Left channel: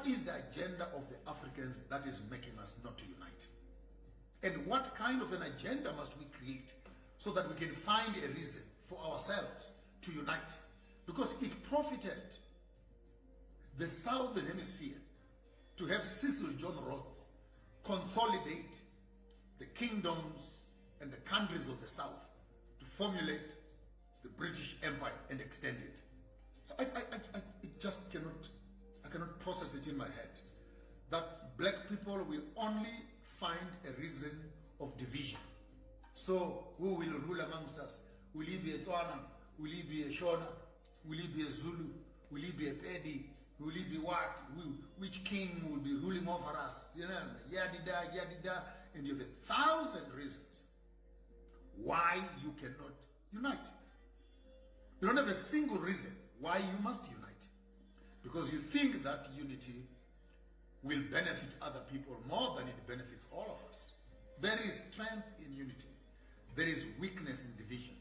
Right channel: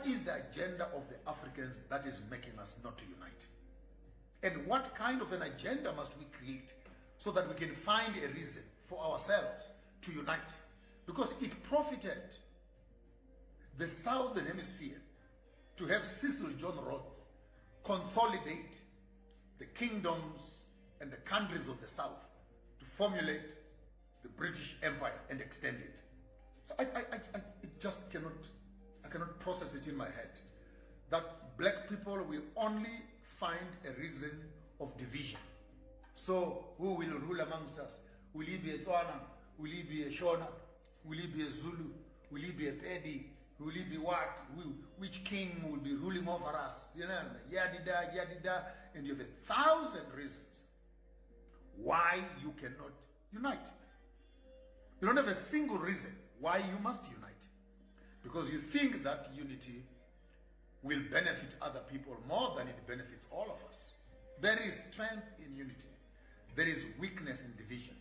what is the agenda of the Africans that is making us not to unite? And what kind of an agenda must we create so that we can find a reason for ourselves to unite? Because it profited the Southern Hemisphere to have Cecil John Rhodes consolidate the kingdoms and the countries of the South to formulate the British Empire and extend it. So I just cannot process it in my head that black people will only find a reason of division. So who will rule amongst us? Will he be a Tswana? Will he be a Shona? Will he be a Zulu? Will he be a Pedi? Will he be what? Which king will be ruling over us? You know, yadida, yadida. And you have 1,000 reasons why you cannot unite. You don't have a single reason why you must unite. Because you think that unity will benefit other people more than it benefits all of us. There is strength in unity. There is weakness in division.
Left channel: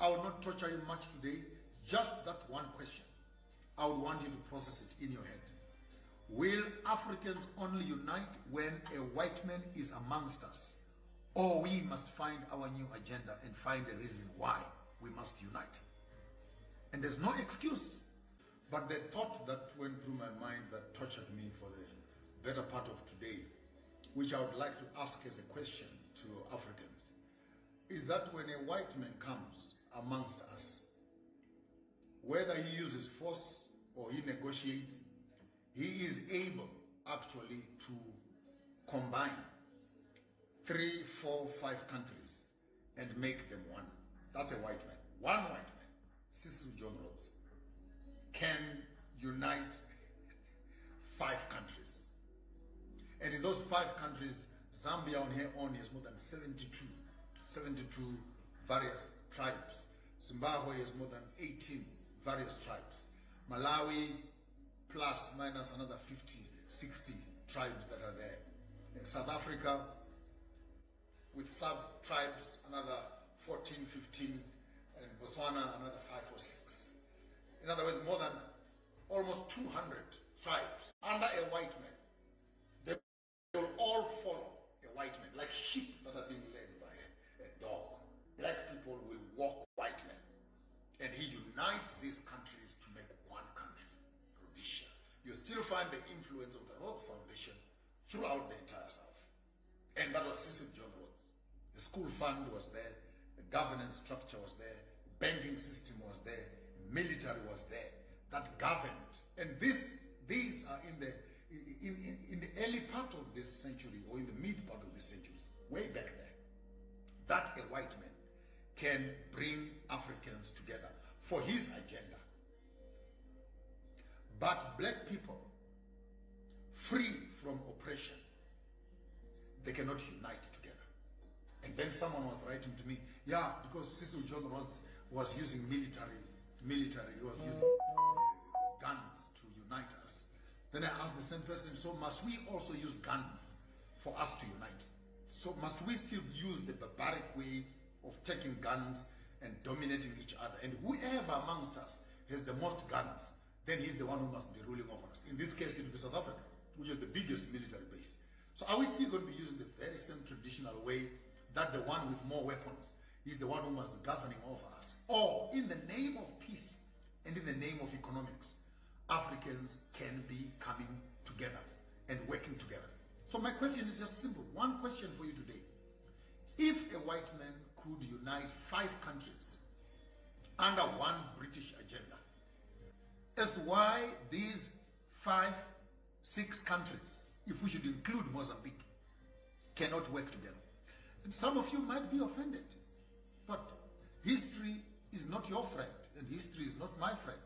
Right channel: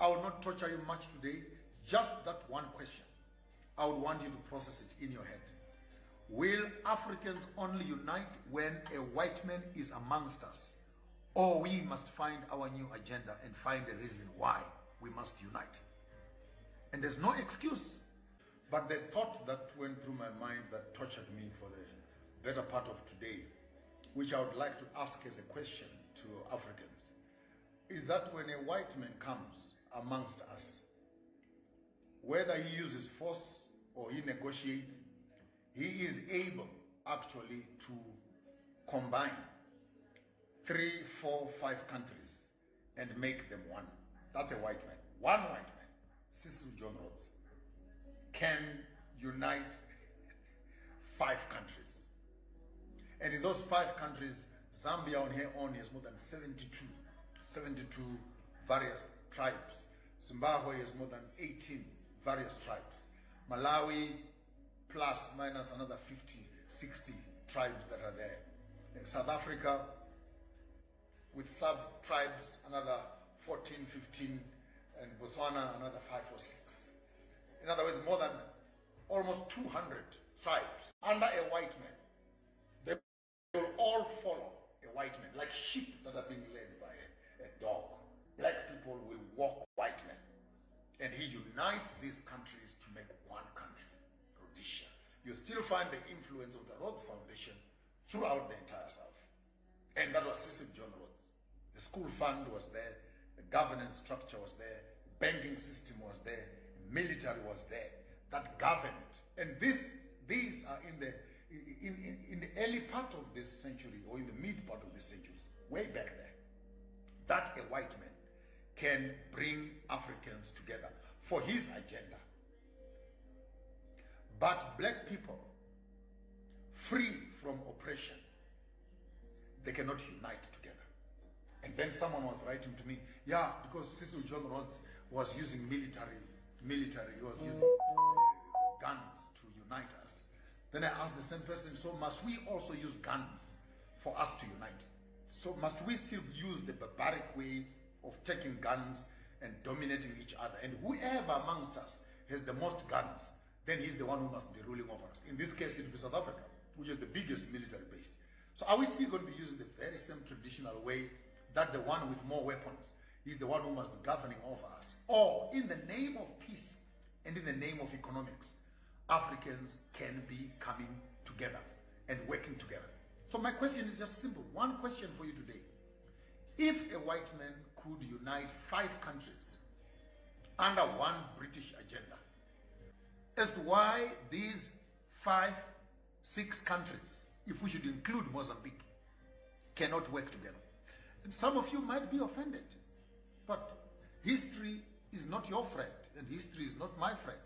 I will not torture you much today. Just that one question. I would want you to process it in your head. Will Africans only unite when a white man is amongst us? Or we must find our new agenda and find a reason why we must unite? And there's no excuse. But the thought that went through my mind that tortured me for the better part of today, which I would like to ask as a question to Africans, is that when a white man comes amongst us, whether he uses force or he negotiates, he is able actually to combine 3, 4, 5 countries and make them one. That's a white man. One white man, Cecil John Rhodes, can unite 5 countries. And in those 5 countries, Zambia on her own has more than 72 various tribes. Zimbabwe has more than 18 various tribes. Malawi plus minus another 50, 60 tribes that are there. And South Africa with sub-tribes, another 14, 15, and Botswana another 5 or 6. In other words, more than almost 200 tribes under a white man. They will all follow a white man, like sheep that are being led by a dog. Black people will walk white men. And he unites these countries to make one country, Rhodesia. You still find the influence of the Rhodes Foundation throughout the entire South. And that was Cecil John Rhodes. The school fund was there, the governance structure was there, banking system was there, military was there, that governed. And these are in the early part of this century, or in the mid part of this century, way back there, that a white man can bring Africans together for his agenda. But black people, free from oppression, they cannot unite together. And then someone was writing to me, yeah, because Cecil John Rhodes was using military, he was using guns to unite us. Then I asked the same person, so must we also use guns for us to unite? So must we still use the barbaric way of taking guns and dominating each other? And whoever amongst us has the most guns, then he's the one who must be ruling over us. In this case, it will be South Africa, which is the biggest military base. So are we still going to be using the very same traditional way that the one with more weapons is the one who must be governing over us? Or in the name of peace and in the name of economics, Africans can be coming together and working together? So my question is just simple. One question for you today. If a white man could unite 5 countries under one British agenda, as to why these 5, 6 countries, if we should include Mozambique, cannot work together. And some of you might be offended, but history is not your friend, and history is not my friend.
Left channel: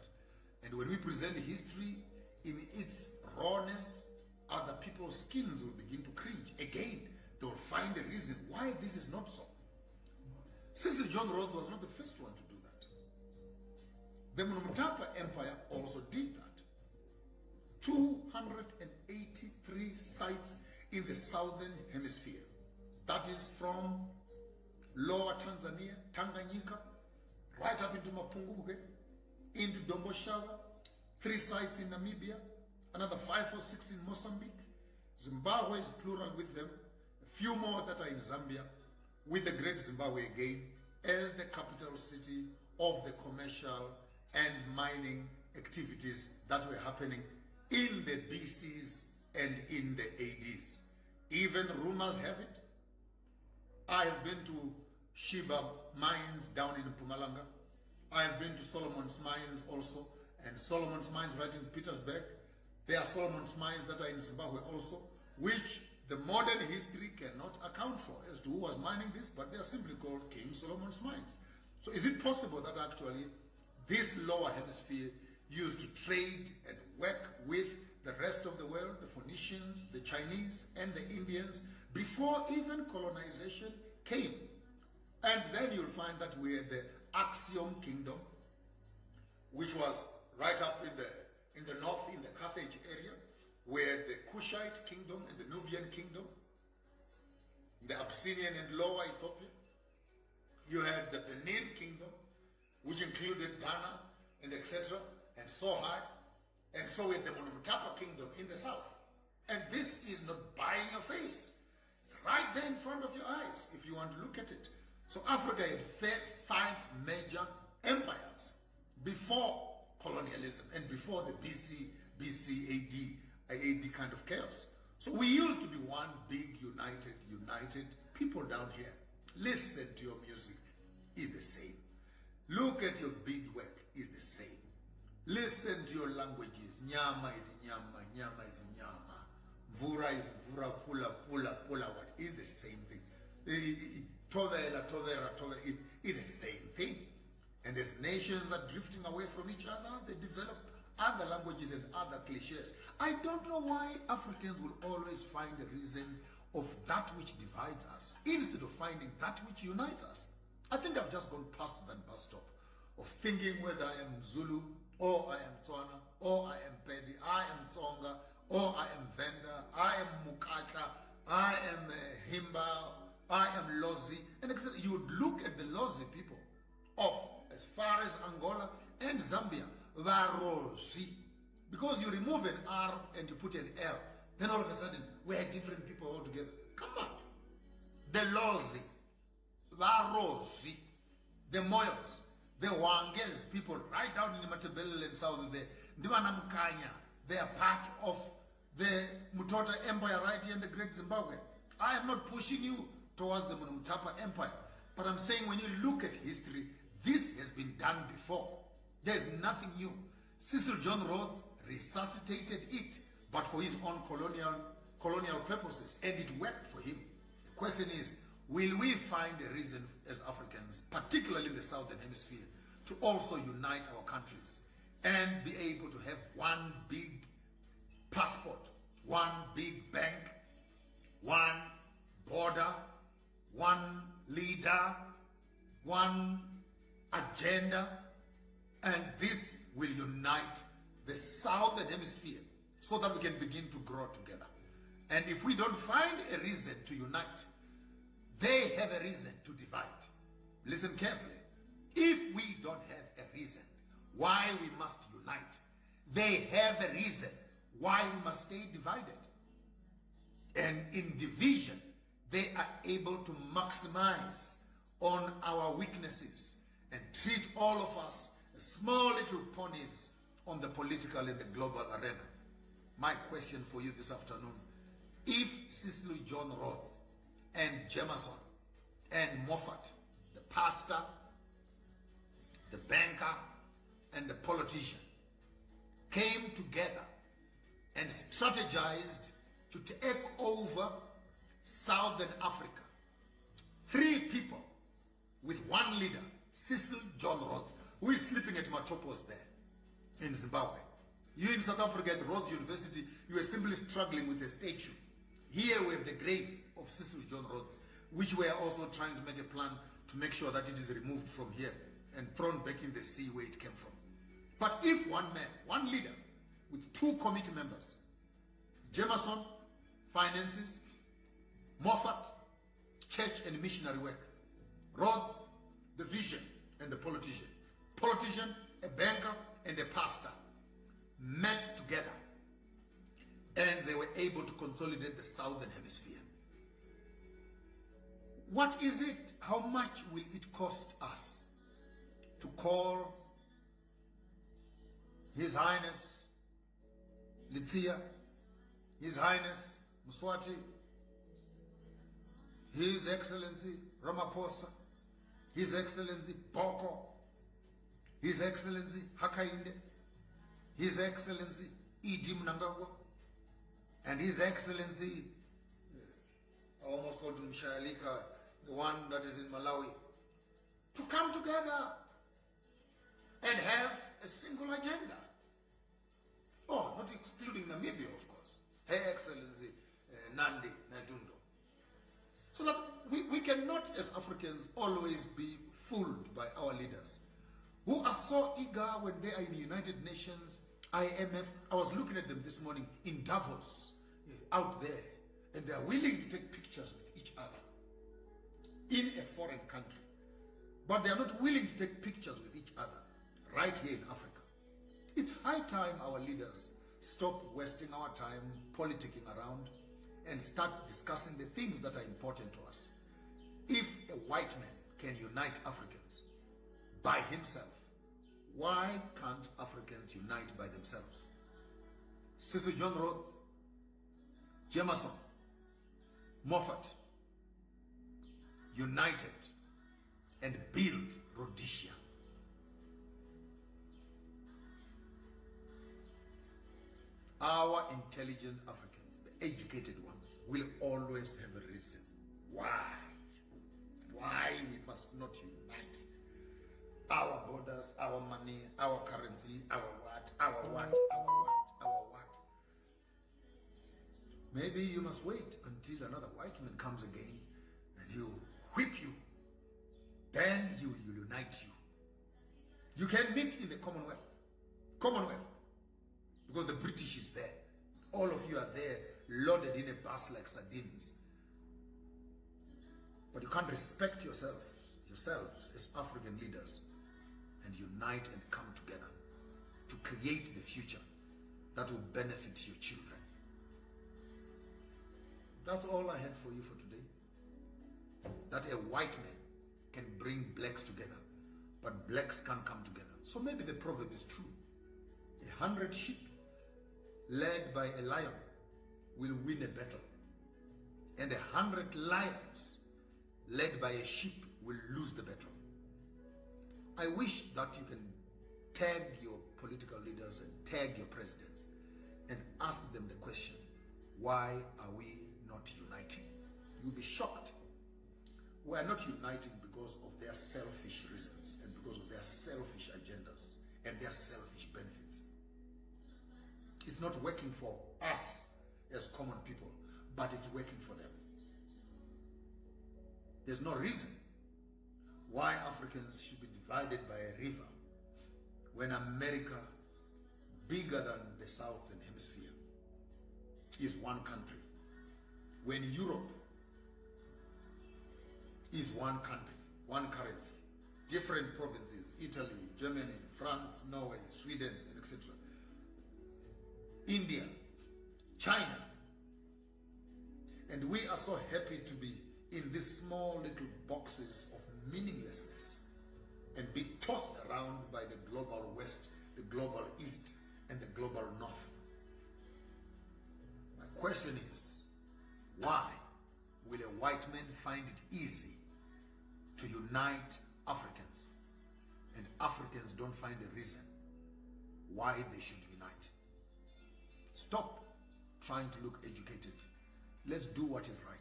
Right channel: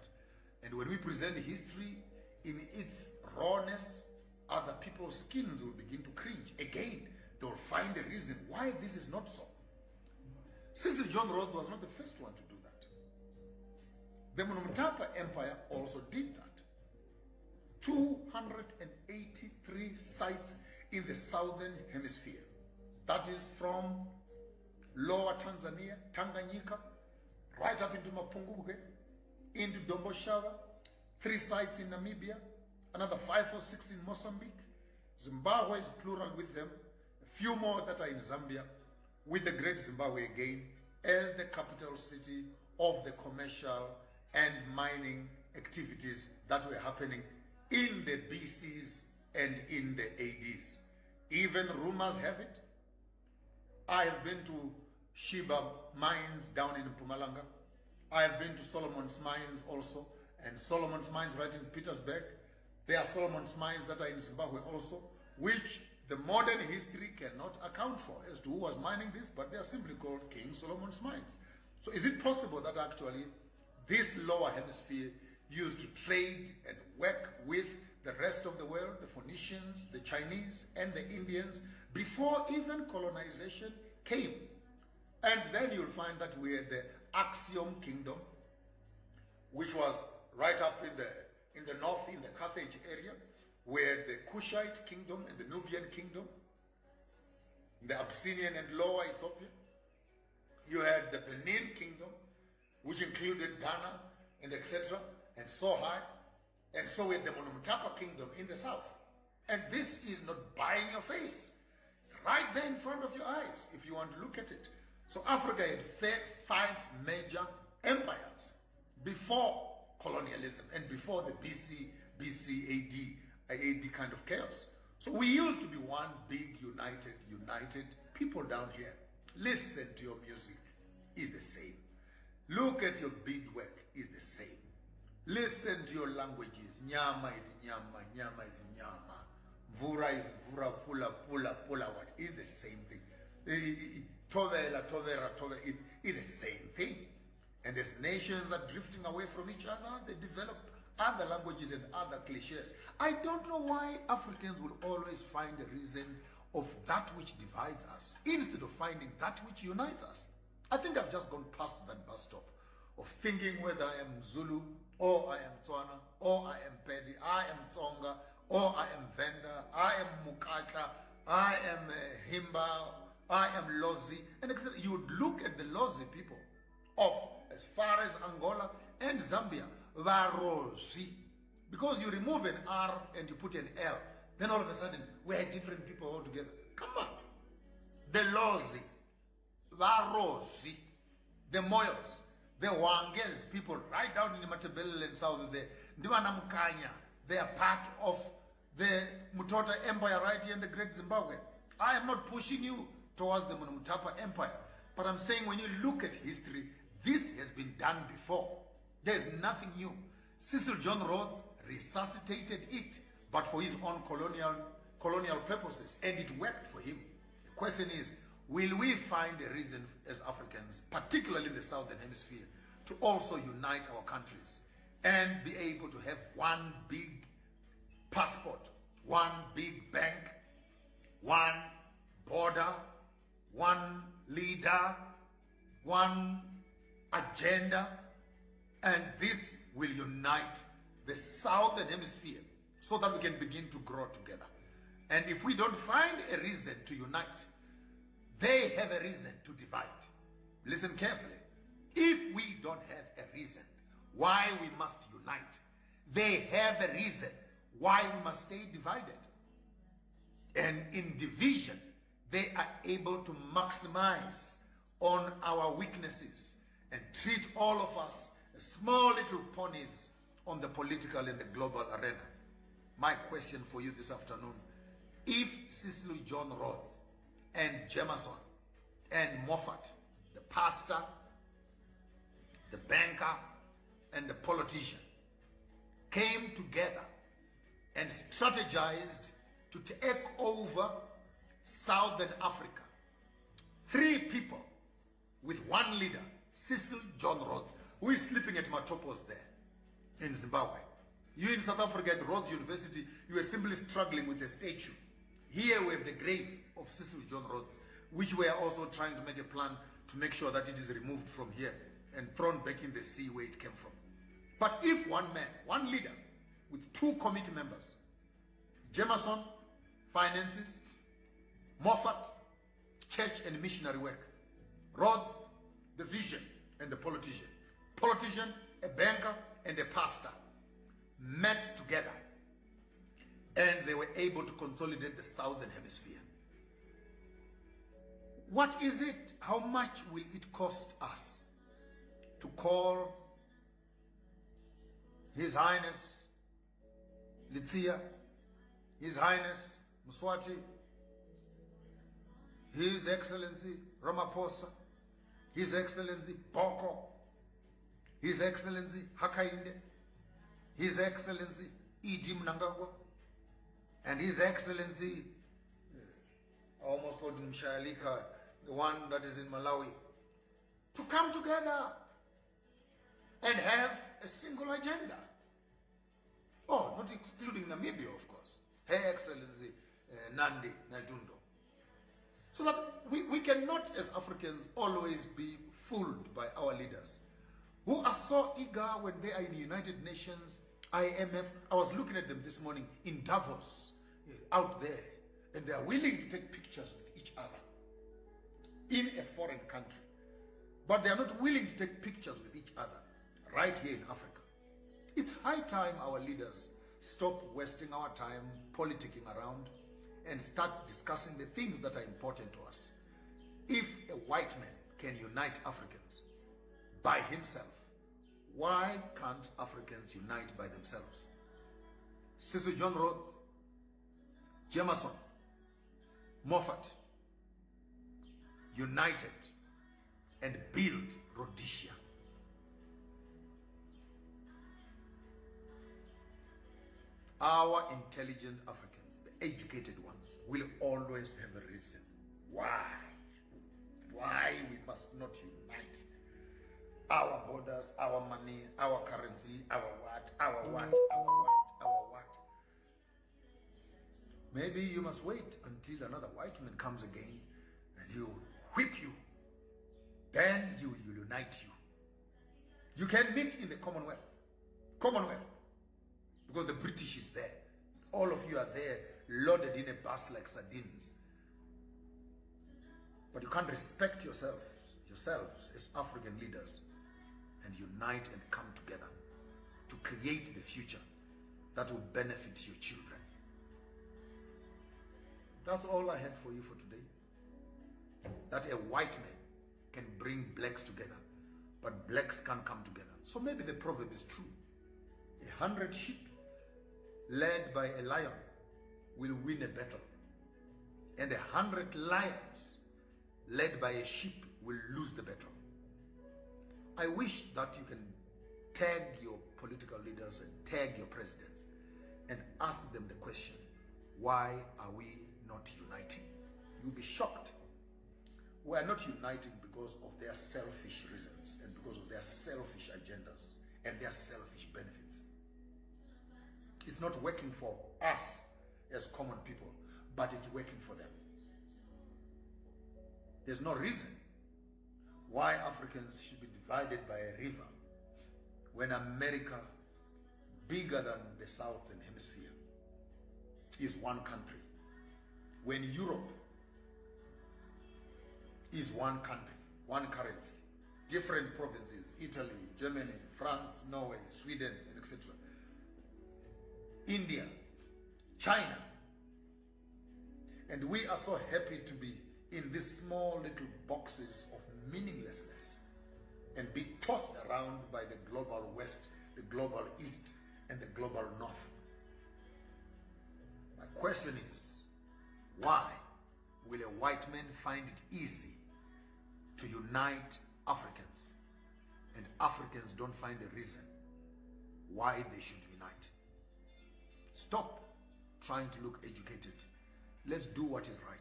And when we present history in its rawness, other people's skins will begin to cringe. Again, they'll find a reason why this is not so. Cecil John Rhodes was not the first one to do that. The Mtapa Empire also did that. 283 sites in the southern hemisphere. That is from lower Tanzania, Tanganyika, right up into Mapunguke, into Domboshawa, 3 sites in Namibia, another 5 or 6 in Mozambique. Zimbabwe is plural with them. A few more that are in Zambia, with the Great Zimbabwe again as the capital city of the commercial and mining activities that were happening in the BCs and in the ADs. Even rumors have it, I have been to Sheba mines down in Mpumalanga. I have been to Solomon's mines also, and Solomon's mines right in Petersburg. There are Solomon's mines that are in Zimbabwe also, which the modern history cannot account for as to who was mining this, but they are simply called King Solomon's mines. So is it possible that actually this lower hemisphere used to trade and work with the rest of the world, the Phoenicians, the Chinese, and the Indians, before even colonization came? And then you'll find that we had the Axiom Kingdom, which was right up in the north, in the Carthage area, where the Kushite Kingdom and the Nubian Kingdom, the Abyssinian and Lower Ethiopia. You had the Benin Kingdom, which included Ghana and etc. and Sohai, and so we had the Monumtapa Kingdom in the south. And this is not buying your face. It's right there in front of your eyes if you want to look at it. So Africa had 5 major empires before colonialism and before the BC, AD kind of chaos. So we used to be one big, united people down here. Listen to your music, is the same. Look at your beadwork, is the same. Listen to your languages. Nyama is nyama, nyama is nyama. Mvura is mvura, pula, what is the same thing. Tovera, it's the same thing. And as nations are drifting away from each other, they develop other languages and other cliches. I don't know why Africans will always find a reason of that which divides us instead of finding that which unites us. I think I've just gone past that bus stop of thinking whether I am Zulu, or I am Tswana, or I am Pedi, I am Tsonga, or I am Venda, I am Mukata, I am Himba, I am Lozi, and etc. You would look at the Lozi people of as far as Angola and Zambia, Varozi. Because you remove an R and you put an L, then all of a sudden we're different people altogether. Come on. The Lozi, Varozi, the Moyos, the Wangels people right down in the Matabele and south there, Ndiwana Mukanya, they are part of the Mutota Empire right here in the Great Zimbabwe. I am not pushing you towards the Monumtapa Empire, but I'm saying when you look at history, this has been done before. There's nothing new. Cecil John Rhodes resuscitated it, but for his own colonial purposes, and it worked for him. The question is, will we find a reason as Africans, particularly in the Southern Hemisphere, to also unite our countries and be able to have one big passport, one big bank, one border, one leader, one agenda, and this will unite the Southern Hemisphere so that we can begin to grow together. And if we don't find a reason to unite, they have a reason to divide. Listen carefully. If we don't have a reason why we must unite, they have a reason why we must stay divided. And in division, they are able to maximize on our weaknesses and treat all of us as small little ponies on the political and the global arena. My question for you this afternoon, if Cecil John Rhodes and Jameson and Moffat, the pastor, the banker, and the politician, came together and strategized to take over Southern Africa, 3 people with one leader, Cecil John Rhodes, who is sleeping at Matopos there in Zimbabwe. You in South Africa at Rhodes University, you are simply struggling with a statue. Here we have the grave of Cecil John Rhodes, which we are also trying to make a plan to make sure that it is removed from here and thrown back in the sea where it came from. But if one man, one leader, with 2 committee members, Jameson, finances, Moffat, church and missionary work, Rhodes, the vision and the politician, a banker and a pastor, met together and they were able to consolidate the southern hemisphere. What is it? How much will it cost us to call His Highness Litsia, His Highness Mswati, His Excellency Ramaphosa, His Excellency Boko, His Excellency Hakainde, His Excellency Idi Mnangagwa, and His Excellency, I almost called him Shalika, the one that is in Malawi, to come together and have a single agenda? Oh, not excluding Namibia, of course. Her Excellency Nandi Naitundo. So that we cannot, as Africans, always be fooled by our leaders who are so eager when they are in the United Nations, IMF. I was looking at them this morning in Davos, out there, and they are willing to take pictures with each other in a foreign country. But they are not willing to take pictures with each other right here in Africa. It's high time our leaders stop wasting our time politicking around and start discussing the things that are important to us. If a white man can unite Africans by himself, why can't Africans unite by themselves? Cecil John Rhodes, Jameson, Moffat united and built Rhodesia. Our intelligent Africans, the educated ones, will always have a reason why we must not unite. Our borders, our money, our currency, our what. Maybe you must wait until another white man comes again and he'll whip you. Then he will unite you. You can meet in the Commonwealth. Because the British is there. All of you are there, loaded in a bus like sardines. But you can't respect yourselves as African leaders and unite and come together to create the future that will benefit your children. That's all I had for you for today. That a white man can bring blacks together, but blacks can't come together. So maybe the proverb is true. 100 sheep led by a lion will win a battle, and 100 lions led by a sheep will lose the battle. I wish that you can tag your political leaders and tag your presidents and ask them the question, why are we not uniting? You'll be shocked. We are not uniting because of their selfish reasons and because of their selfish agendas and their selfish benefits. It's not working for us as common people, but it's working for them. There's no reason why Africans should be divided by a river when America, bigger than the Southern Hemisphere, is one country. When Europe is one country, one currency, different provinces, Italy, Germany, France, Norway, Sweden, and etc. India, China. And we are so happy to be in these small little boxes of meaninglessness and be tossed around by the global West, the global East, and the global North. My question is, why will a white man find it easy to unite Africans, and Africans don't find a reason why they should unite? Stop trying to look educated. Let's do what is right.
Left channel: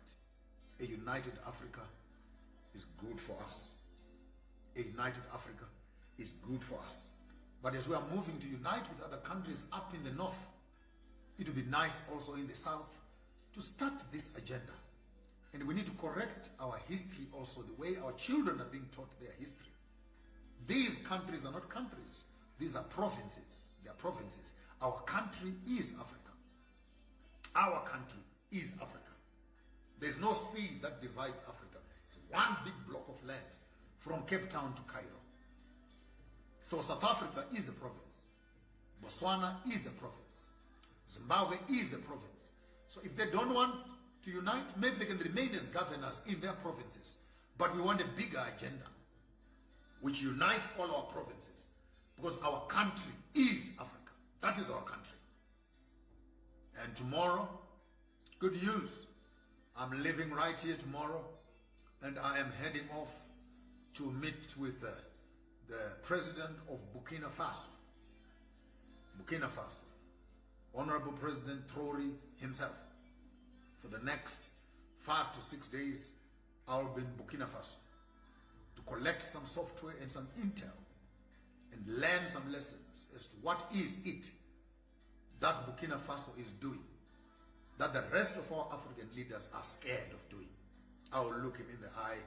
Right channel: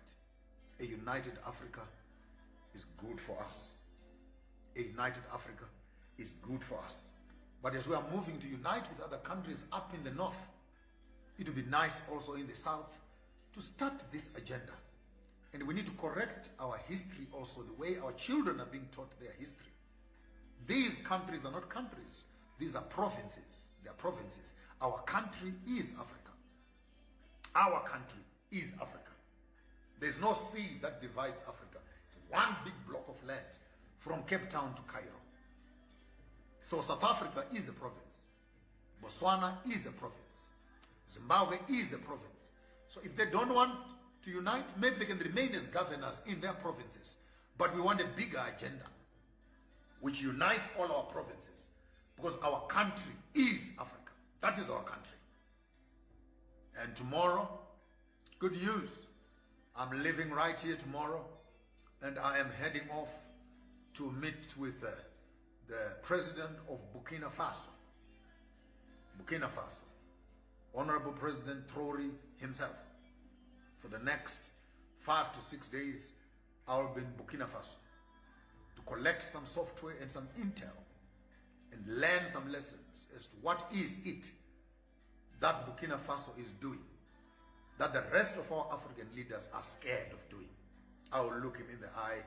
A united Africa is good for us. A united Africa is good for us. But as we are moving to unite with other countries up in the north, it would be nice also in the south to start this agenda. And we need to correct our history also, the way our children are being taught their history. These countries are not countries. These are provinces. They are provinces. Our country is Africa. Our country is Africa. There's no sea that divides Africa. It's one big block of land from Cape Town to Cairo. So South Africa is a province. Botswana is a province. Zimbabwe is a province. So if they don't want to unite, maybe they can remain as governors in their provinces. But we want a bigger agenda which unites all our provinces, because our country is Africa. That is our country. And tomorrow, good news, I'm leaving right here tomorrow, and I am heading off to meet with the president of Burkina Faso. Burkina Faso, Honorable President Traore himself. For the next 5 to 6 days, I'll be in Burkina Faso to collect some software and some intel and learn some lessons as to what is it that Burkina Faso is doing that the rest of our African leaders are scared of doing. I will look him in the eye,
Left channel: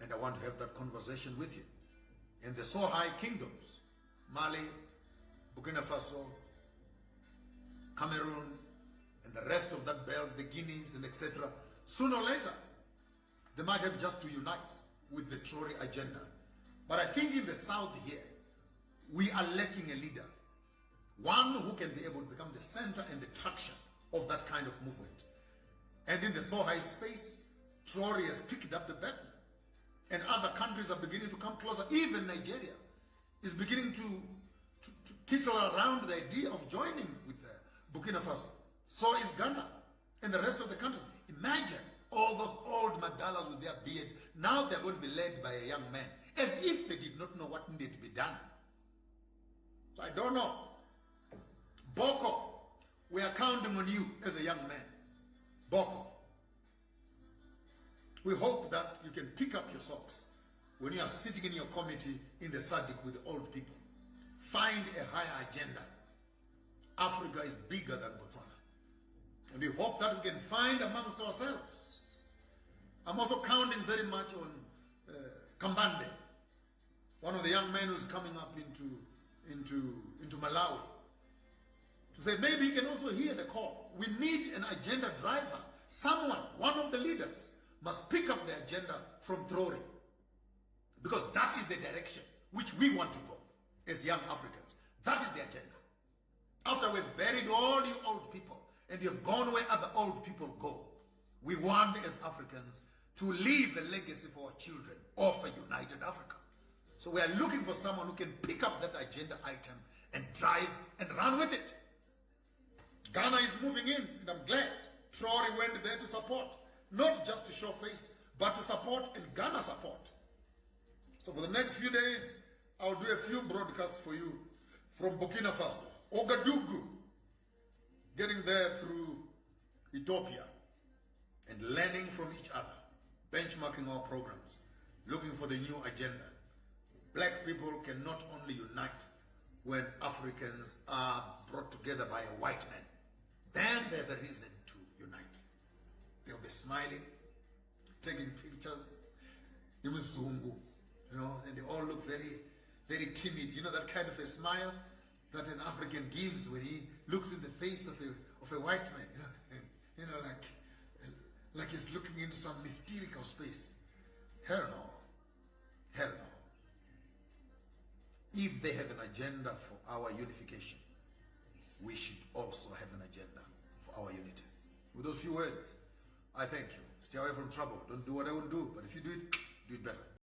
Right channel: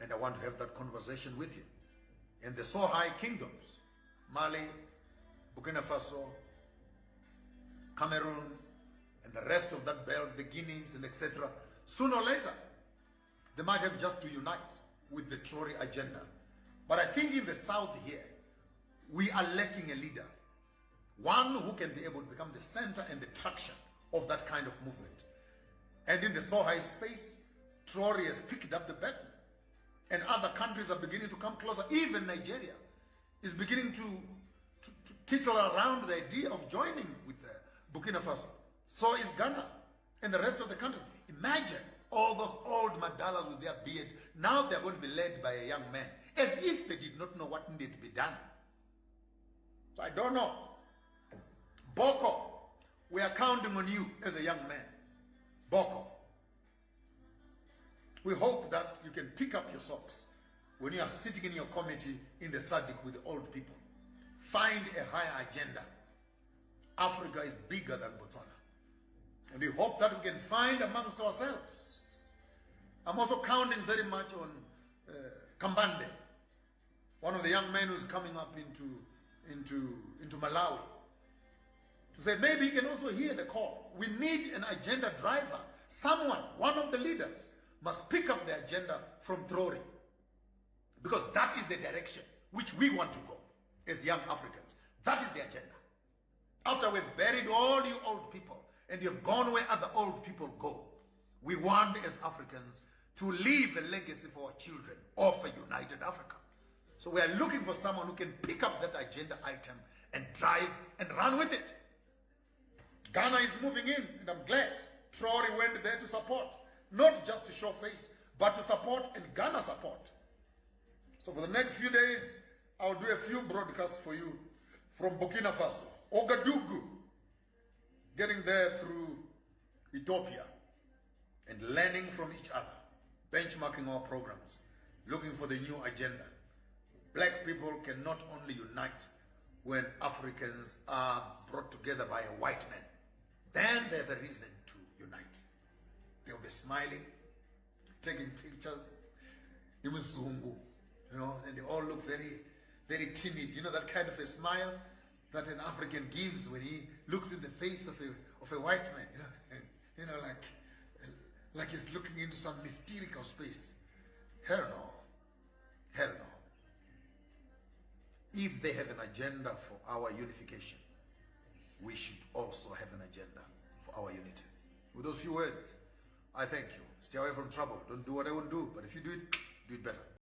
and I want to have that conversation with him. And the Sohai kingdoms, Mali, Burkina Faso, Cameroon, and the rest of that belt, the Guineas and etc., sooner or later, they might have just to unite with the Traore agenda. But I think in the south here, we are lacking a leader. One who can be able to become the center and the traction of that kind of movement. And in the Sohai space, Traore has picked up the baton. And other countries are beginning to come closer. Even Nigeria is beginning to tittle around the idea of joining with Burkina Faso. So is Ghana and the rest of the countries. Imagine all those old madalas with their beard. Now they're going to be led by a young man, as if they did not know what needed to be done. So I don't know. Boko, we are counting on you as a young man. Boko. We hope that you can pick up your socks when you are sitting in your committee in the SADC with the old people. Find a higher agenda. Africa is bigger than Botswana. And we hope that we can find amongst ourselves. I'm also counting very much on Kambande, one of the young men who's coming up into Malawi, to say maybe he can also hear the call. We need an agenda driver. Someone, one of the leaders, must pick up the agenda from Traore, because that is the direction which we want to go as young Africans. That is the agenda. After we've buried all you old people and you've gone where other old people go, we want as Africans to leave a legacy for our children of a united Africa. So we are looking for someone who can pick up that agenda item and drive and run with it. Ghana is moving in, and I'm glad Traore went there to support, not just to show face, but to support and Ghana support. So for the next few days, I'll do a few broadcasts for you from Burkina Faso, Ouagadougou, getting there through Ethiopia, and learning from each other, benchmarking our programs, looking for the new agenda. Black people can not only unite when Africans are brought together by a white man, then they have a reason to unite. They'll be smiling, taking pictures, you know, and they all look very, very timid. You know, that kind of a smile that an African gives when he looks in the face of a white man, you know, and, you know, like he's looking into some mystical space. Hell no. Hell no. If they have an agenda for our unification, we should also have an agenda for our unity. With those few words, I thank you. Stay away from trouble. Don't do what I would do, but if you do it better.